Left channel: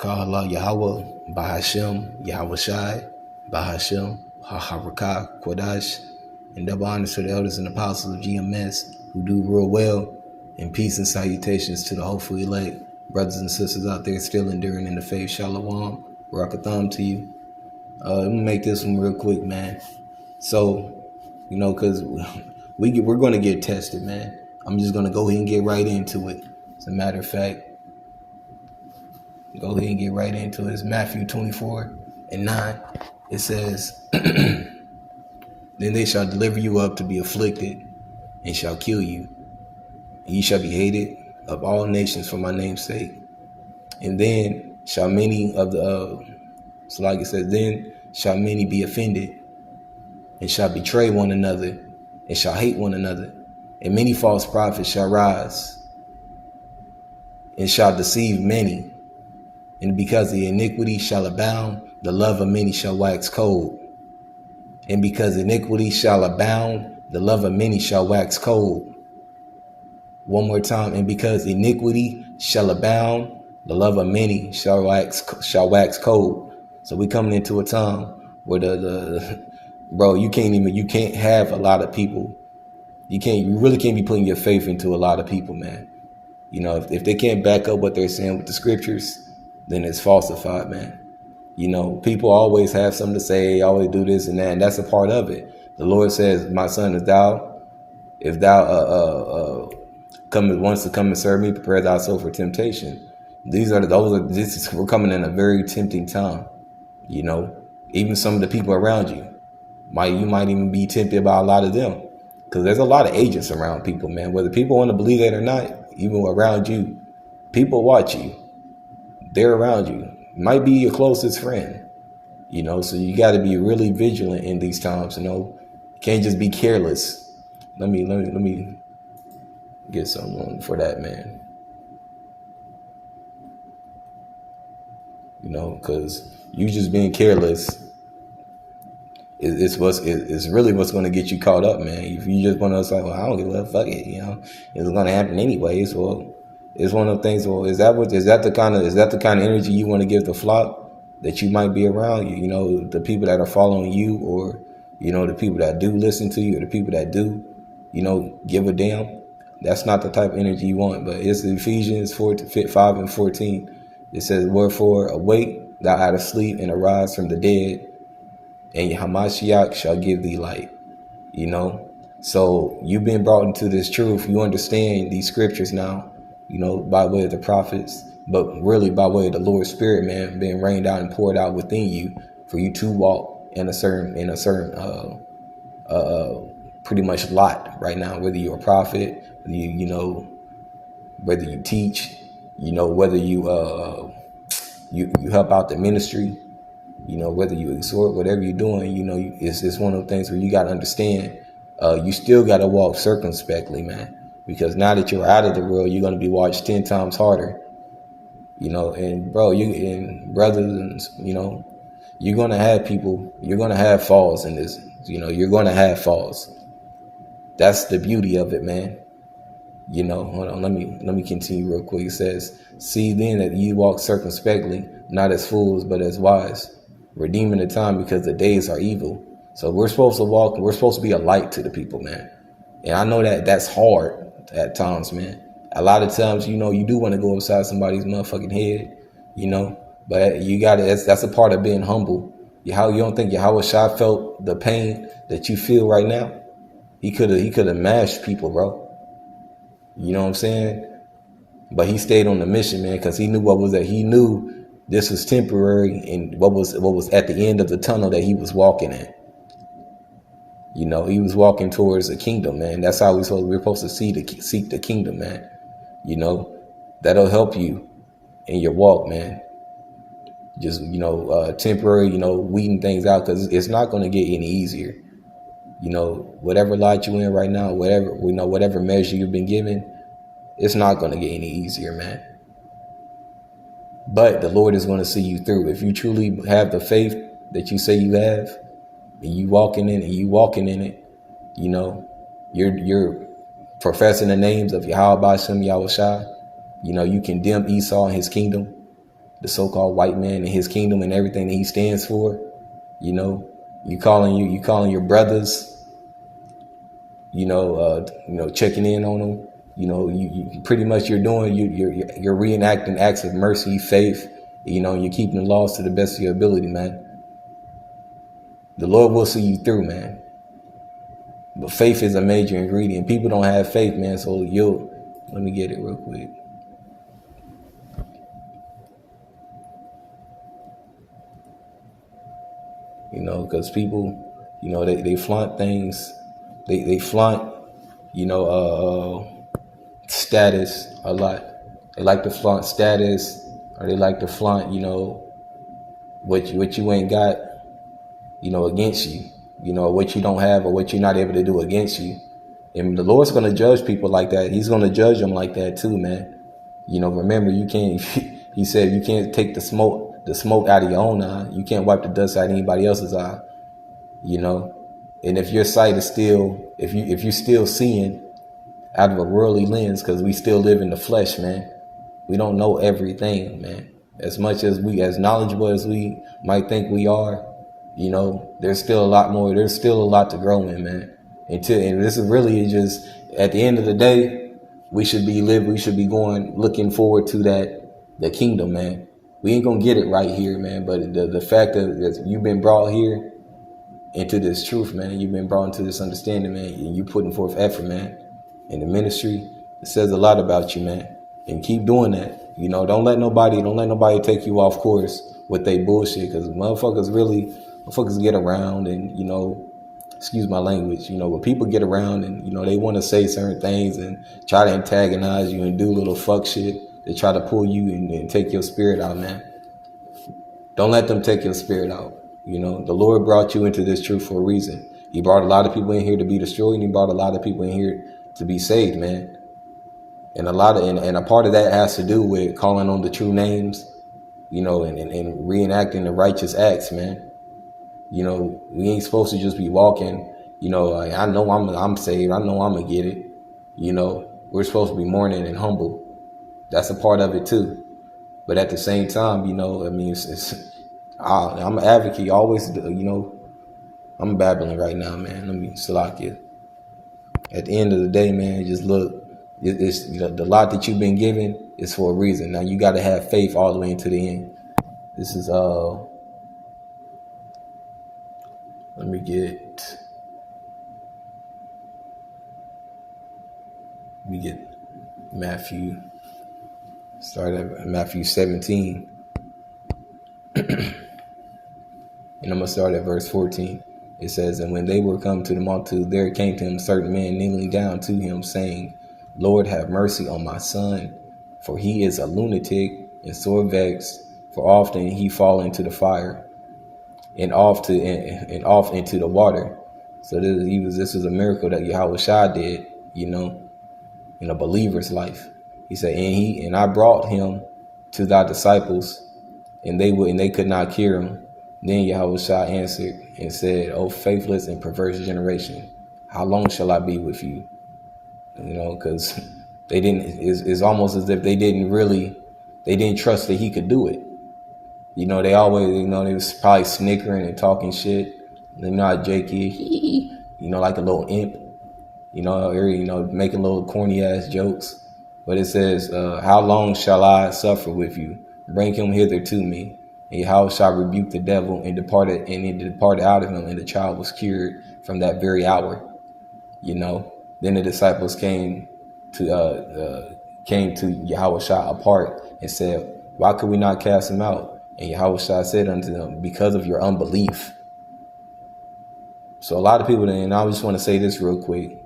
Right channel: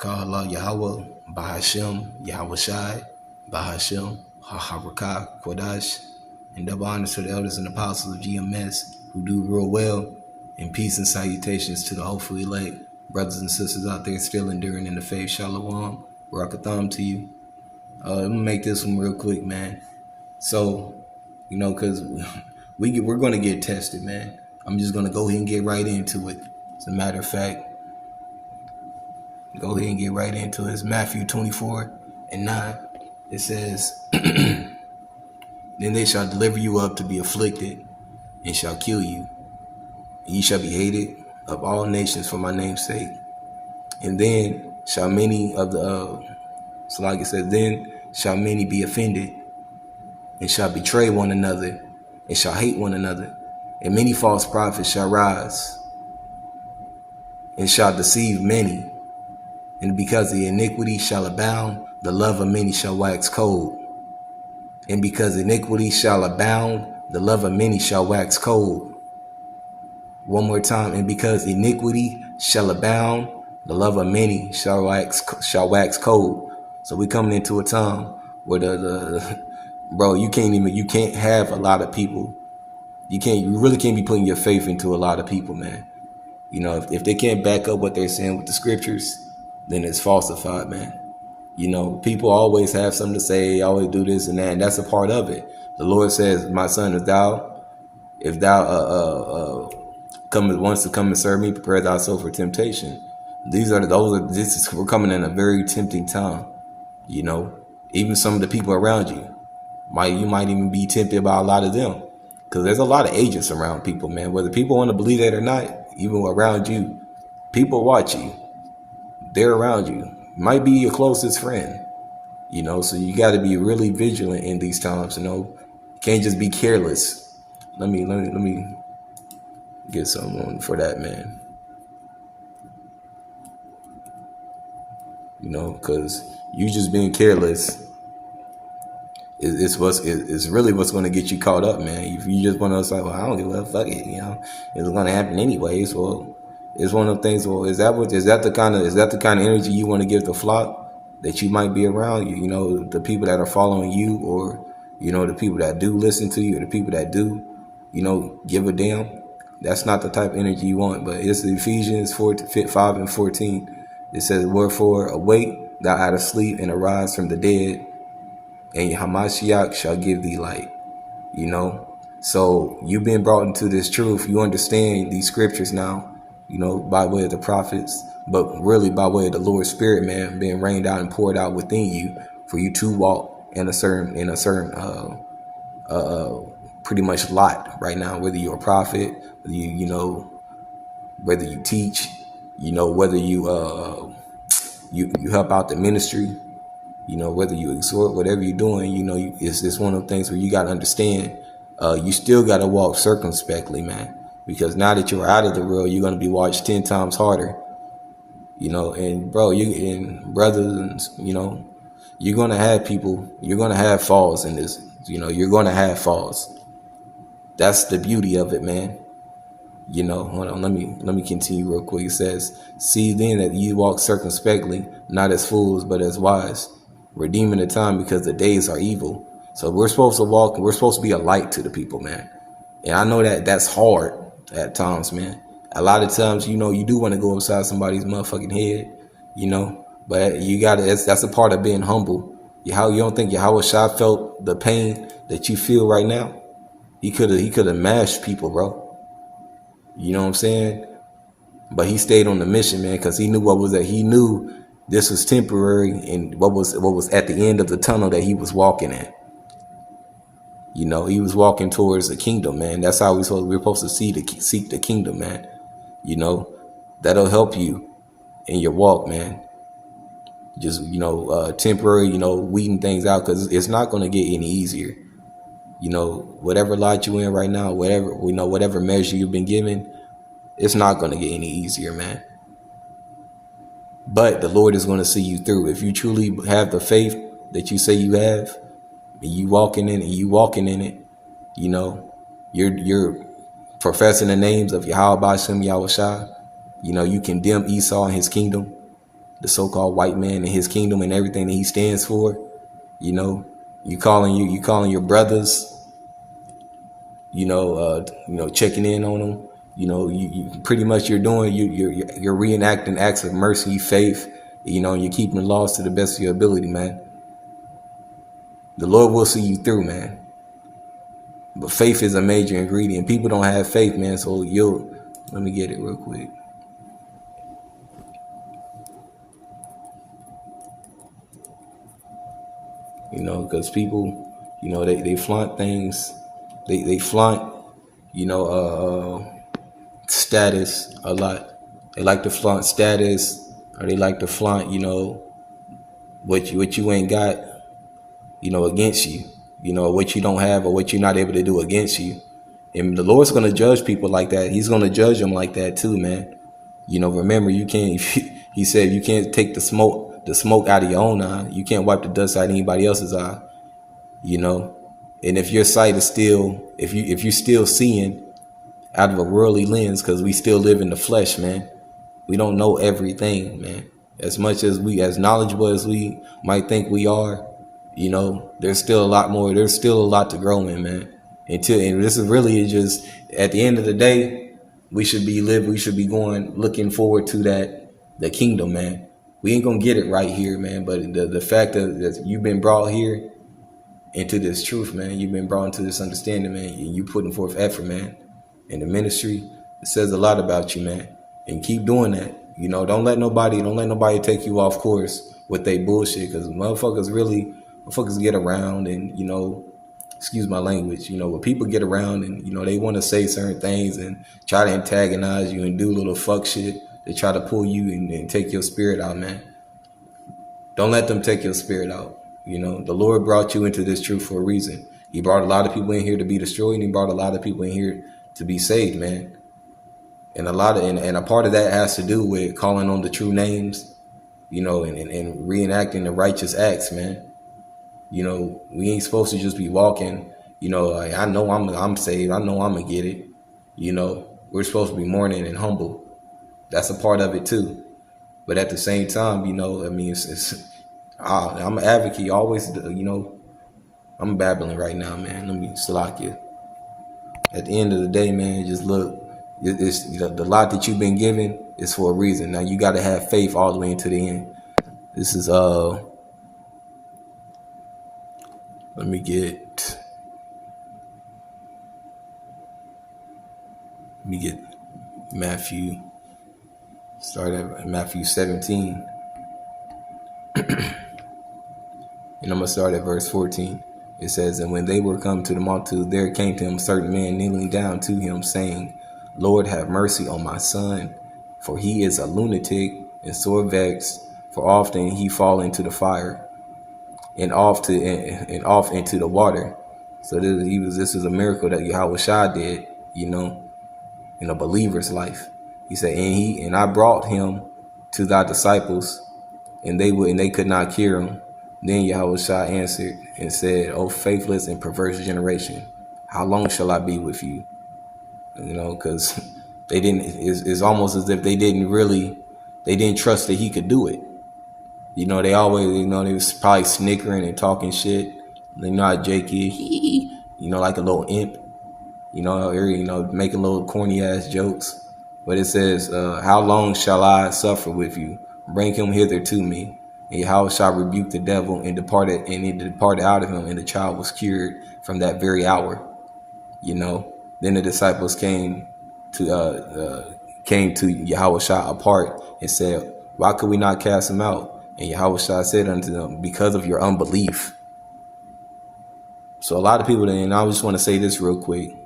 Kala Yahweh, Bahashem, Yahweh Shai, Bahashem, Haharakah, Kodash, and double honors to the elders and apostles of GMS who do real well, and peace and salutations to the hopeful elect, brothers and sisters out there still enduring in the faith. Shalom, Rakatham to you. I'm gonna make this one real quick, man. So, cause we're gonna get tested, man. I'm just gonna go ahead and get right into it. As a matter of fact, go ahead and get right into it. It's Matthew 24:9. It says, "Then they shall deliver you up to be afflicted, and shall kill you. And ye shall be hated of all nations for my name's sake. And then shall many of the so like it says, then shall many be offended, and shall betray one another, and shall hate one another. And many false prophets shall rise, and shall deceive many. And because the iniquity shall abound, the love of many shall wax cold. And because iniquity shall abound, the love of many shall wax cold." One more time. And because iniquity shall abound, the love of many shall wax cold. So we coming into a time where bro, you can't have a lot of people. You really can't be putting your faith into a lot of people, man. If they can't back up what they're saying with the scriptures, then it's falsified, man. People always have something to say, always do this and that, and that's a part of it. The Lord says, "My son, if thou wants to come and serve me, prepare thyself for temptation." We're coming in a very tempting time. Even some of the people around you, you might even be tempted by a lot of them, because there's a lot of agents around people, man. Whether people want to believe that or not, even around you, people watch you. They're around you. Might be your closest friend. So you got to be really vigilant in these times. You can't just be careless. Let me get something on for that, man. Because you just being careless is really what's going to get you caught up, man. If you just want to say, "Well, I don't give a fuck it," it's going to happen anyways. Well, it's one of the things. Well, is that the kind of energy you want to give the flock that you might be around? The people that are following you, or the people that do listen to you, or the people that do, give a damn. That's not the type of energy you want. But it's Ephesians 4:5-14. It says, "Wherefore awake thou out of sleep, and arise from the dead, and Hamashiach shall give thee light." So you've been brought into this truth. You understand these scriptures now, by way of the prophets, but really by way of the Lord's Spirit, man, being rained out and poured out within you for you to walk in a certain pretty much lot right now. Whether you're a prophet, whether you teach, whether you help out the ministry, whether you exhort, whatever you're doing, it's one of the things where you got to understand, you still got to walk circumspectly, man, because now that you're out of the world, you're going to be watched 10 times harder, and bro, brothers, you're going to have people, you're going to have falls in this, you're going to have falls. That's the beauty of it, man. Hold on, let me continue real quick. It says, "See then that ye walk circumspectly, not as fools, but as wise, redeeming the time, because the days are evil." So we're supposed to walk, and we're supposed to be a light to the people, man. And I know that that's hard at times, man. A lot of times, you do want to go inside somebody's motherfucking head, but you gotta, that's a part of being humble. You don't think Yahweh Shai felt the pain that you feel right now? He could have mashed people, bro. You know what I'm saying? But he stayed on the mission, man, because he knew he knew this was temporary, and what was at the end of the tunnel that he was walking at. He was walking towards the kingdom, man. That's how we're supposed to seek the kingdom, man. That'll help you in your walk, man. Just, temporary, weeding things out, because it's not going to get any easier. Whatever lot you in right now, whatever measure you've been given, it's not going to get any easier, man. But the Lord is going to see you through. If you truly have the faith that you say you have, and you walking in it, you're professing the names of Yahweh Shem Yahweh Shai. You condemn Esau and his kingdom. the so-called white man and his kingdom and everything that he stands for. You know, you calling your brothers, checking in on them. You pretty much you're reenacting acts of mercy, faith. You're keeping the laws to the best of your ability, man. The Lord will see you through, man. But faith is a major ingredient. People don't have faith, man. So let me get it real quick. Because people, they flaunt things. They flaunt, status a lot. They like to flaunt status, or they like to flaunt, what you ain't got, against you, what you don't have or what you're not able to do against you. And the Lord's going to judge people like that. He's going to judge them like that too, man. Remember, you can't, he said, you can't take the smoke out of your own eye. You can't wipe the dust out of anybody else's eye, And if your sight is still, if you're still seeing out of a worldly lens, because we still live in the flesh, man. We don't know everything, man. As much as as knowledgeable as we might think we are, there's still a lot more. There's still a lot to grow in, man. And this is really just, at the end of the day, we should be looking forward to the kingdom, man. We ain't gonna get it right here, man. But the fact that you've been brought here into this truth, man. You've been brought into this understanding, man. You putting forth effort, man. In the ministry, it says a lot about you, man. And keep doing that. Don't let nobody take you off course with they bullshit, because motherfuckers get around and, excuse my language, when people get around and, they want to say certain things and try to antagonize you and do little fuck shit. They try to pull you and take your spirit out, man. Don't let them take your spirit out. The Lord brought you into this truth for a reason. He brought a lot of people in here to be destroyed, and he brought a lot of people in here to be saved, man. And a part of that has to do with calling on the true names, and reenacting the righteous acts, man. We ain't supposed to just be walking, like, I know I'm saved. I know I'm gonna get it. We're supposed to be mourning and humble. That's a part of it too. But at the same time, I'm an advocate. Always, I'm babbling right now, man. Let me slack you. At the end of the day, man, just look. It's the lot that you've been given is for a reason. Now you got to have faith all the way into the end. This is let me get Matthew. Start at Matthew 17. And I'm going to start at verse 14. It says, "And when they were come to the multitude, there came to him certain men kneeling down to him, saying, Lord, have mercy on my son, for he is a lunatic and sore vexed, for often he fall into the fire and off into the water." So this is a miracle that Yahushua did, in a believer's life. He said, and I brought him to thy disciples, and they could not cure him. Then Yahushua answered and said, O faithless and perverse generation, how long shall I be with you? Because they didn't. It's almost as if they didn't trust that he could do it. They always, they was probably snickering and talking shit. How Jake is, like a little imp. Making little corny ass jokes. But it says, how long shall I suffer with you? Bring him hither to me. And Yahushua rebuked the devil and departed out of him, and the child was cured from that very hour. Then the disciples came to Yahushua apart and said, why could we not cast him out? And Yahushua said unto them, because of your unbelief. So a lot of people, and I just want to say this real quick,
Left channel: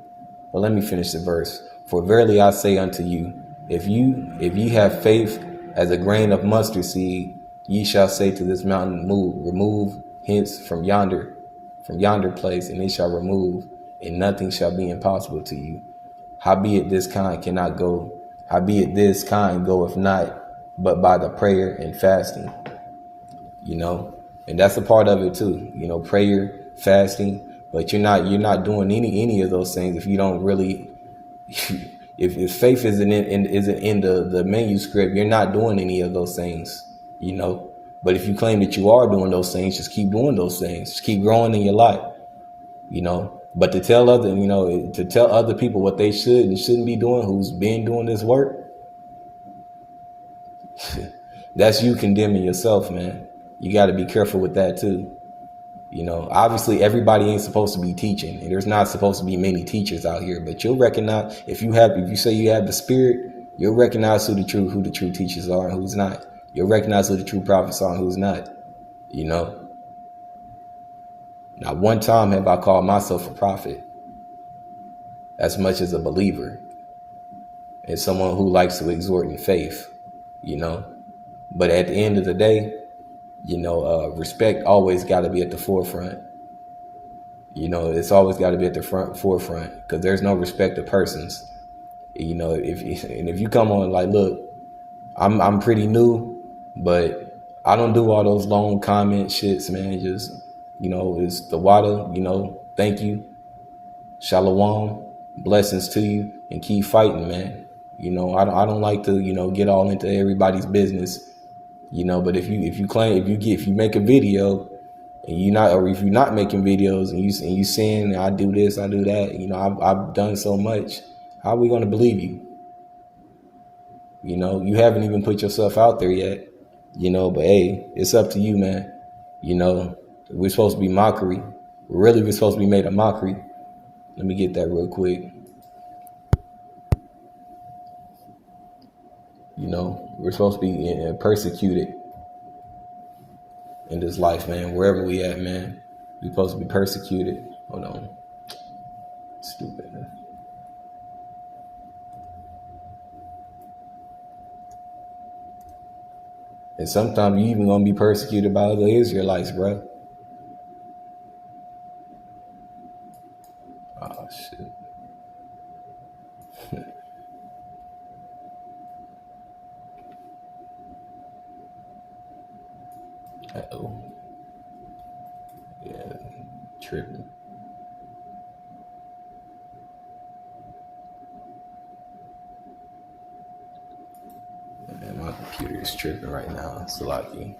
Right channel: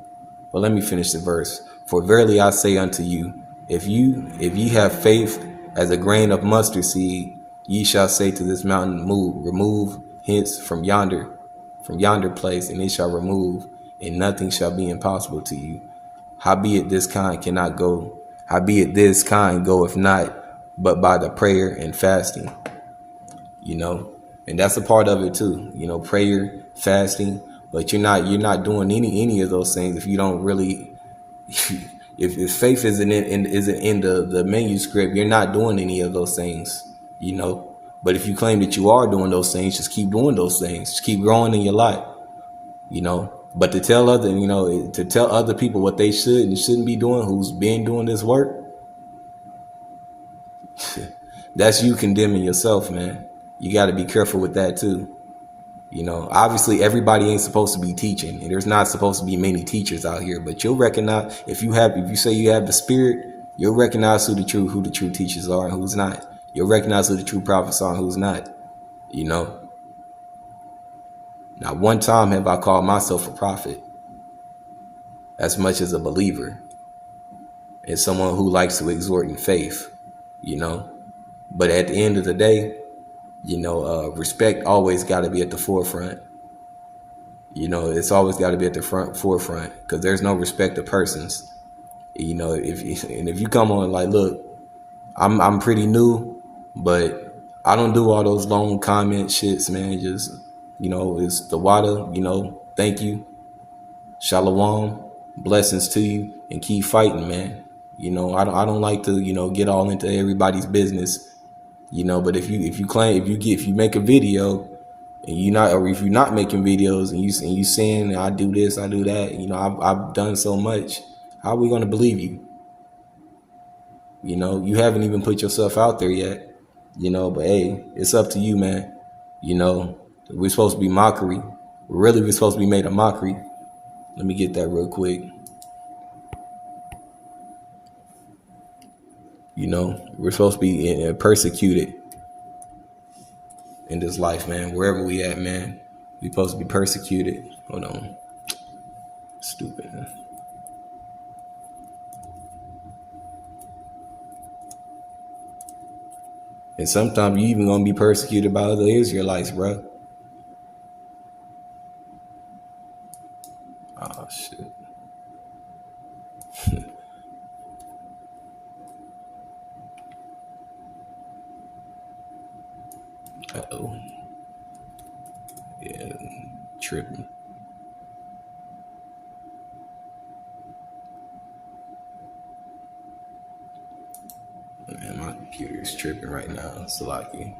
but let me finish the verse. For verily I say unto you, if ye have faith as a grain of mustard seed, ye shall say to this mountain, remove hence from yonder place, and it shall remove, and nothing shall be impossible to you. Howbeit this kind goeth not, but by the prayer and fasting. And that's a part of it too. Prayer, fasting. But you're not doing any of those things if you don't really. If faith isn't in the manuscript, you're not doing any of those things. you know. But if you claim that you are doing those things, just keep doing those things. Just keep growing in your life, you know. But to tell other, to tell other people what they should and shouldn't be doing, who's been doing this work, that's you condemning yourself, man. You got to be careful with that too. You know, obviously everybody ain't supposed to be teaching, and there's not supposed to be many teachers out here. But you'll recognize if you say you have the spirit, you'll recognize who the true teachers are and who's not. You'll recognize who the true prophets are and who's not. You know. Not one time have I called myself a prophet as much as a believer and someone who likes to exhort in faith, you know. But at the end of the day, respect always got to be at the forefront. You know, it's always got to be at the forefront because there's no respect of persons. You know, if you come on like, look, I'm pretty new, but I don't do all those long comment shits, man. Just, it's the water, thank you. Shalom, blessings to you, and keep fighting, man. I don't like to, get all into everybody's business, but if you make a video and if you're not making videos and you saying I do this, I do that, I've done so much, how are we going to believe you? You haven't even put yourself out there yet, but hey, it's up to you, man. We're supposed to be mockery. We're supposed to be made a mockery. Let me get that real quick. We're supposed to be persecuted in this life, man. Wherever we at, man, we're supposed to be persecuted. Hold on. Stupid. And sometimes you even gonna be persecuted by other Israelites, bro. Oh shit. Uh-oh. Yeah, tripping. Man, my computer is tripping right now. It's lucky.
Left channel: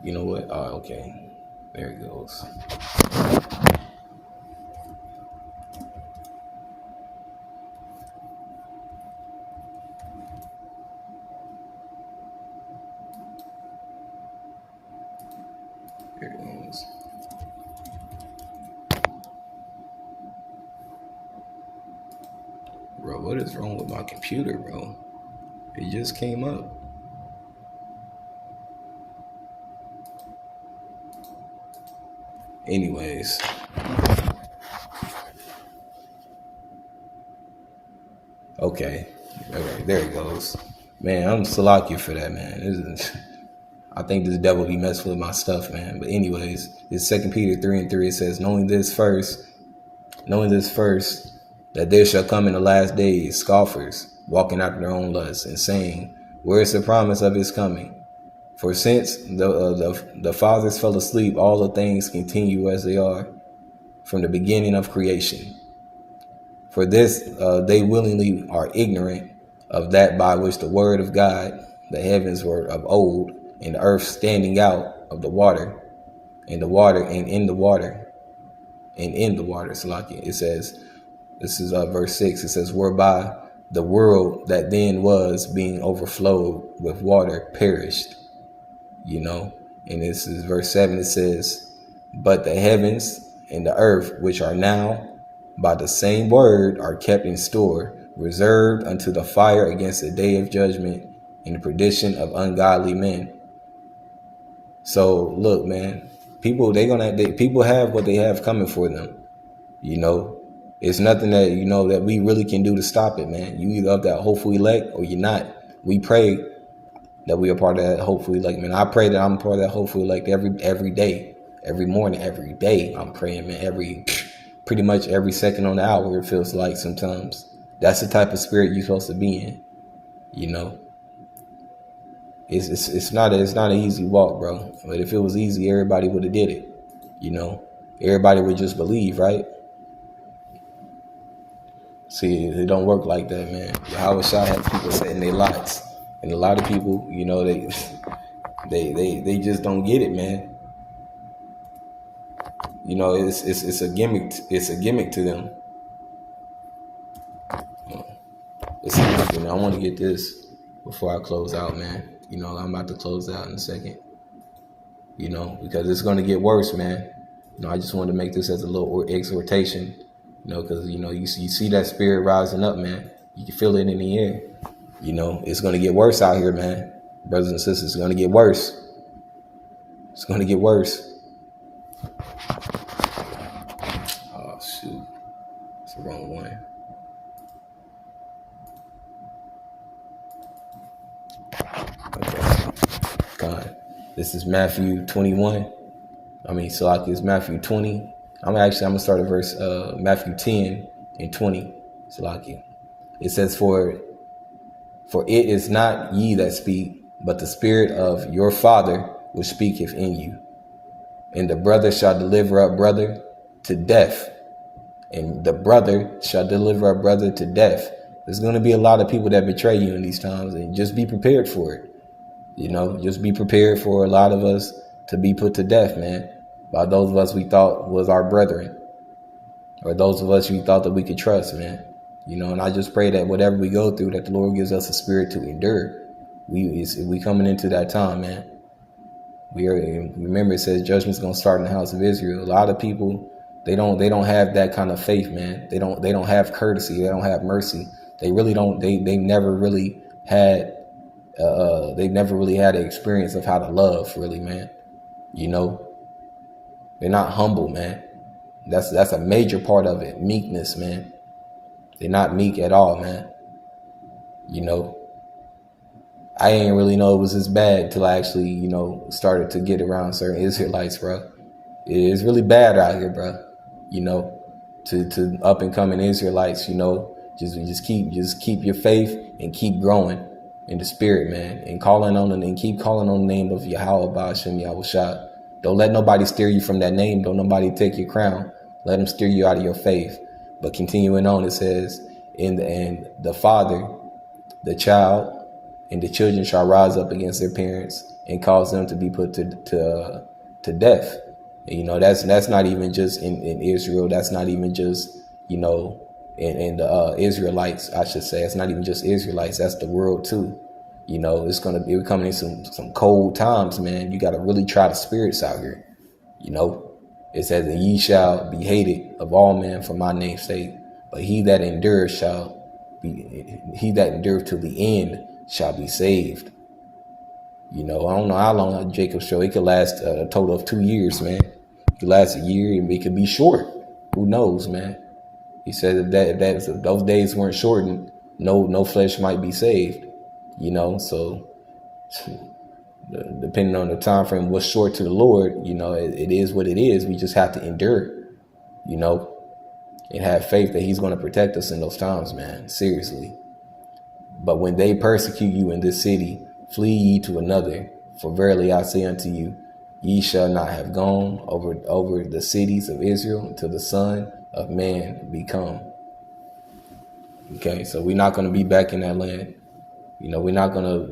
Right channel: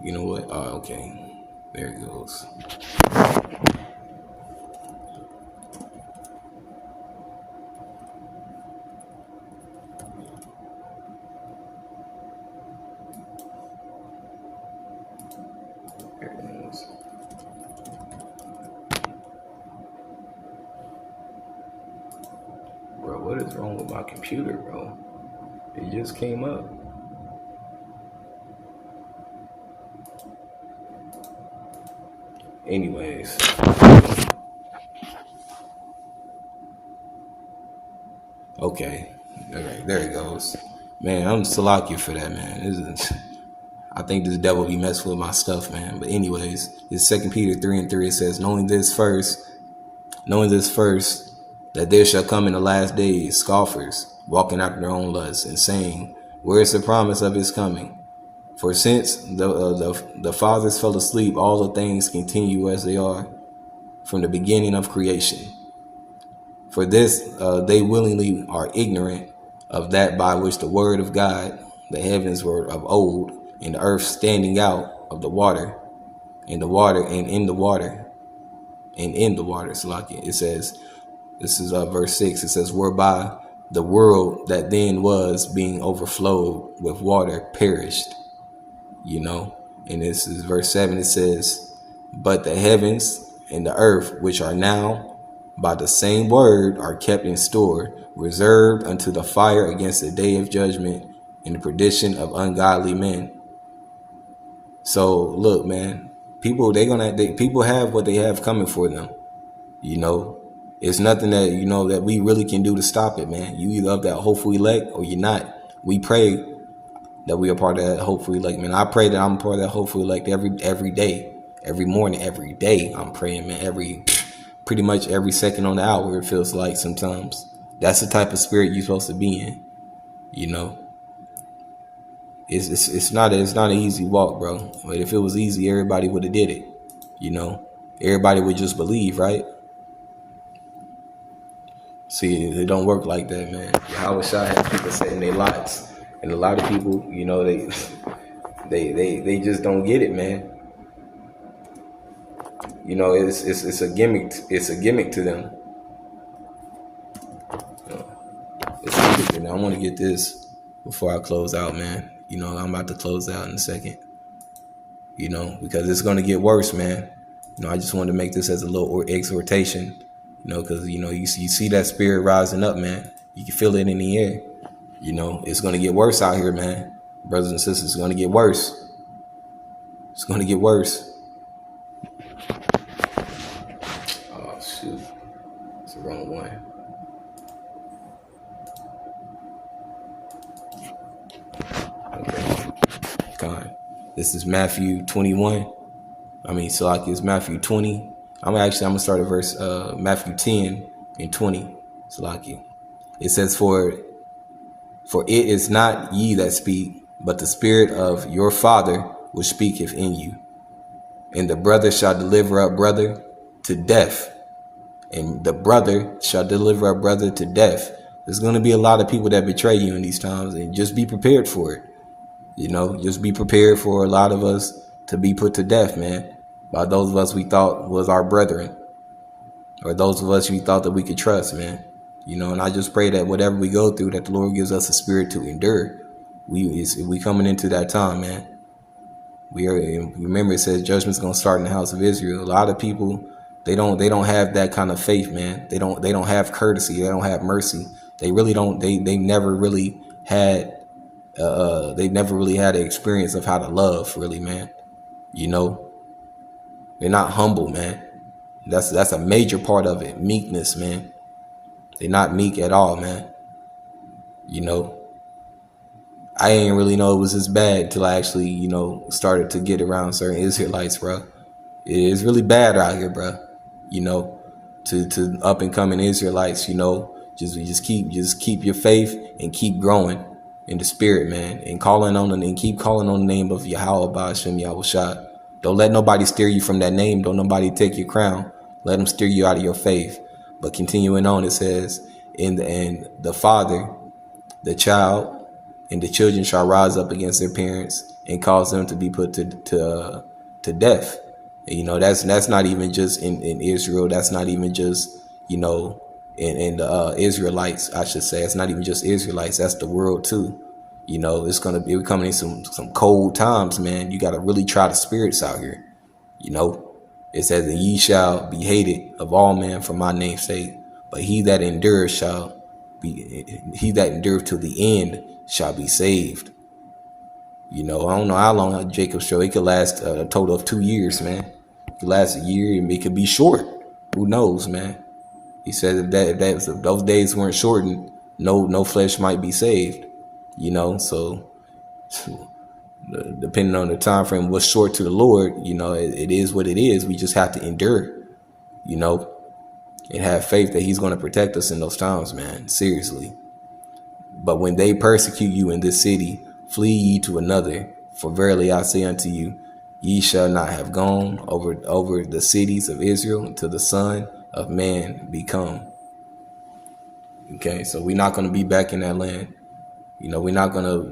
You know what? Oh, okay. There it goes. There it is. Bro, what is wrong with my computer, bro? It just came up. Anyways. Okay. There it goes. Man, I'm Salakia for that, man. I think this devil be messing with my stuff, man. But anyways, it's 2 Peter 3:3. It says, knowing this first, that there shall come in the last days scoffers, walking after their own lusts, and saying, where is the promise of his coming? For since the fathers fell asleep, all the things continue as they are from the beginning of creation. For this, they willingly are ignorant of that by which the word of God, the heavens were of old, and the earth standing out of the water, and in the water. Salaki. It says, this is verse 6. It says, whereby the world that then was being overflowed with water perished. And this is verse 7. It says, but the heavens and the earth, which are now by the same word, are kept in store, reserved unto the fire against the day of judgment and the perdition of ungodly men. So look, man, people have what they have coming for them. It's nothing that that we really can do to stop it, man. You either of that hopeful elect or you're not. We pray that we are part of that hopeful elect, man. I pray that I'm part of that hopeful elect every day, every morning, every day. I'm praying, man. Pretty much every second on the hour, it feels like sometimes. That's the type of spirit you're supposed to be in. It's not an easy walk, bro. But if it was easy, everybody would have did it. Everybody would just believe, right? See, it don't work like that, man. Yahweh Shah has people setting their lots, and a lot of people, you know, they just don't get it, man. You know, it's a gimmick. It's a gimmick to them. You know, it's a gimmick, you know. I want to get this before I close out, man. You know, I'm about to close out in a second. You know, because it's gonna get worse, man. You know, I just wanted to make this as a little exhortation. You know, because you know you see that spirit rising up, man. You can feel it in the air. You know, it's gonna get worse out here, man. Brothers and sisters, it's gonna get worse. It's gonna get worse. Oh shoot, it's the wrong one. Okay, God, this is Matthew 21. Salaki is Matthew 20. I'm gonna start at verse Matthew 10 and 20. Salaki. It says, For it is not ye that speak, but the Spirit of your Father which speaketh in you. And the brother shall deliver up brother to death. And the brother shall deliver up brother to death. There's going to be a lot of people that betray you in these times, and just be prepared for it. You know, just be prepared for a lot of us to be put to death, man, by those of us we thought was our brethren, or those of us we thought that we could trust, man. You know, and I just pray that whatever we go through, that the Lord gives us a spirit to endure. We coming into that time, man. Remember, it says judgment's gonna start in the house of Israel. A lot of people, they don't have that kind of faith, man. They don't have courtesy. They don't have mercy. They really don't. They never really had. They never really had an experience of how to love, really, man. You know, they're not humble, man. That's a major part of it. Meekness, man. They're not meek at all, man. You know, I ain't really know it was this bad till I actually, you know, started to get around certain Israelites, bro. It's really bad out here, bro. You know, to up and coming Israelites, you know, just keep your faith and keep growing in the spirit, man, and keep calling on the name of Yahweh Ba'ashem Yahushua. Don't let nobody steer you from that name. Don't nobody take your crown. Let them steer you out of your faith. But continuing on, it says, and the father, the child, and the children shall rise up against their parents and cause them to be put to death. And, you know, that's not even just in Israel. That's not even just, you know, in the Israelites, I should say. It's not even just Israelites. That's the world too. You know, we're coming in some cold times, man. You got to really try the spirits out here. You know, it says that ye shall be hated of all men for my name's sake, but he that endures to the end shall be saved. You know, I don't know how long Jacob's show. It could last a total of 2 years, man. It could last a year, and it could be short. Who knows, man? He said if those days weren't shortened, no flesh might be saved. You know, so depending on the time frame, what's short to the Lord, you know, it is what it is. We just have to endure, you know, and have faith that he's going to protect us in those times, man. Seriously. But when they persecute you in this city, flee ye to another. For verily I say unto you, ye shall not have gone over the cities of Israel until the Son of Man be come. Okay, so we're not going to be back in that land. You know, we're not going to,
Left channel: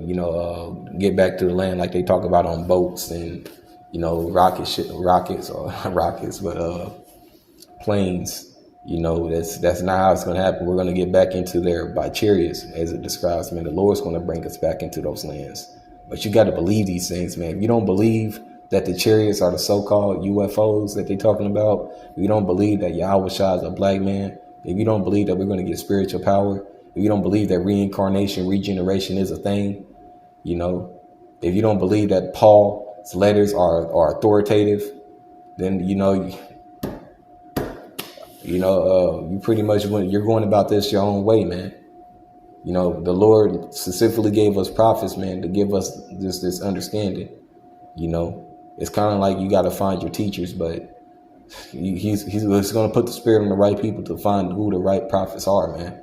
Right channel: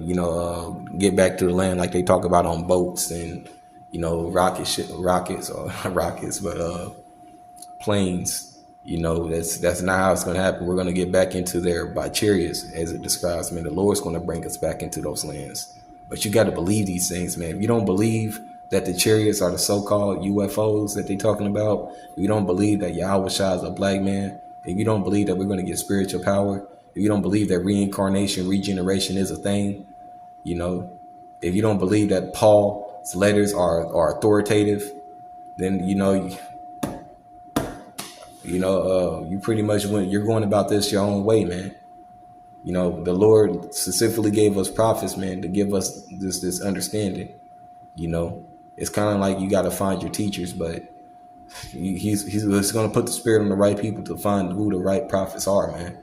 get back to the land like they talk about on boats and, planes. You know, that's not how it's going to happen. We're going to get back into there by chariots, as it describes. Man, the Lord's going to bring us back into those lands. But you got to believe these things, man. If you don't believe that the chariots are the so-called UFOs that they're talking about, if you don't believe that Yahweh Shah is a black man, if you don't believe that we're going to get spiritual power, if you don't believe that reincarnation, regeneration is a thing, you know, if you don't believe that Paul's letters are authoritative, then, you pretty much you're going about this your own way, man. You know, the Lord specifically gave us prophets, man, to give us this understanding. You know, it's kind of like you got to find your teachers, but he's going to put the spirit on the right people to find who the right prophets are, man.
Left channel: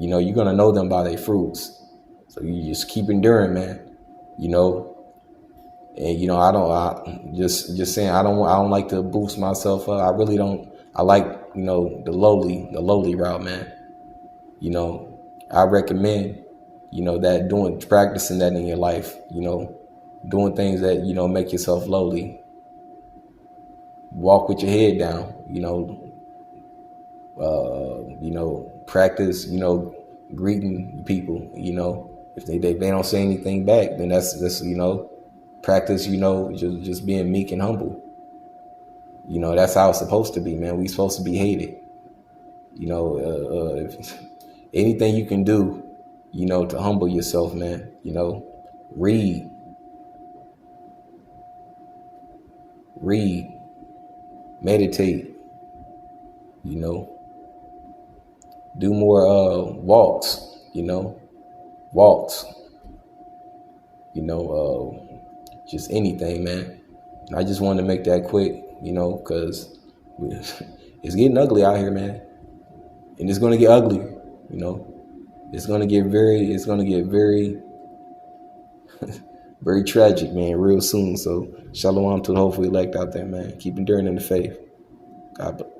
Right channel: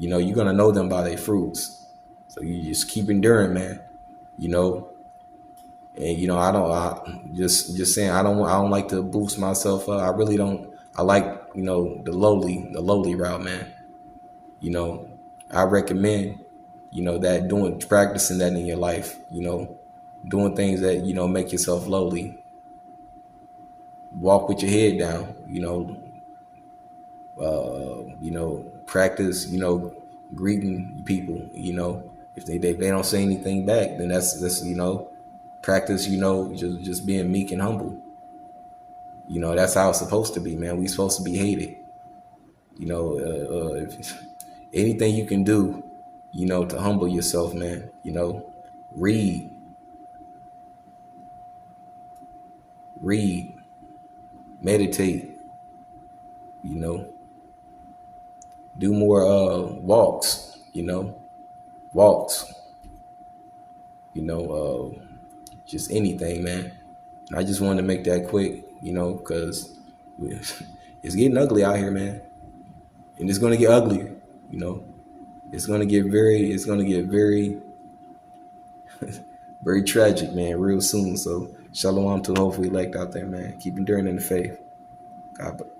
You know, you're going to know them by their fruits. So you just keep enduring, man. You know, and, you know, I don't like to boost myself up. I really don't. I like, the lowly route, man. You know, I recommend, that practicing that in your life, doing things that, make yourself lowly, walk with your head down, practice, greeting people, if they don't say anything back, then that's practice, just being meek and humble. That's how it's supposed to be, man. We supposed to be hated. If anything you can do, to humble yourself, man. Read, read, meditate. Do more walks. Walks. Just anything, man. And I just wanted to make that quick, because it's getting ugly out here, man, and it's gonna get uglier. It's gonna get very, very tragic, man, real soon. So shalom to the hopefully elect out there, man. Keep enduring in the faith. God bless.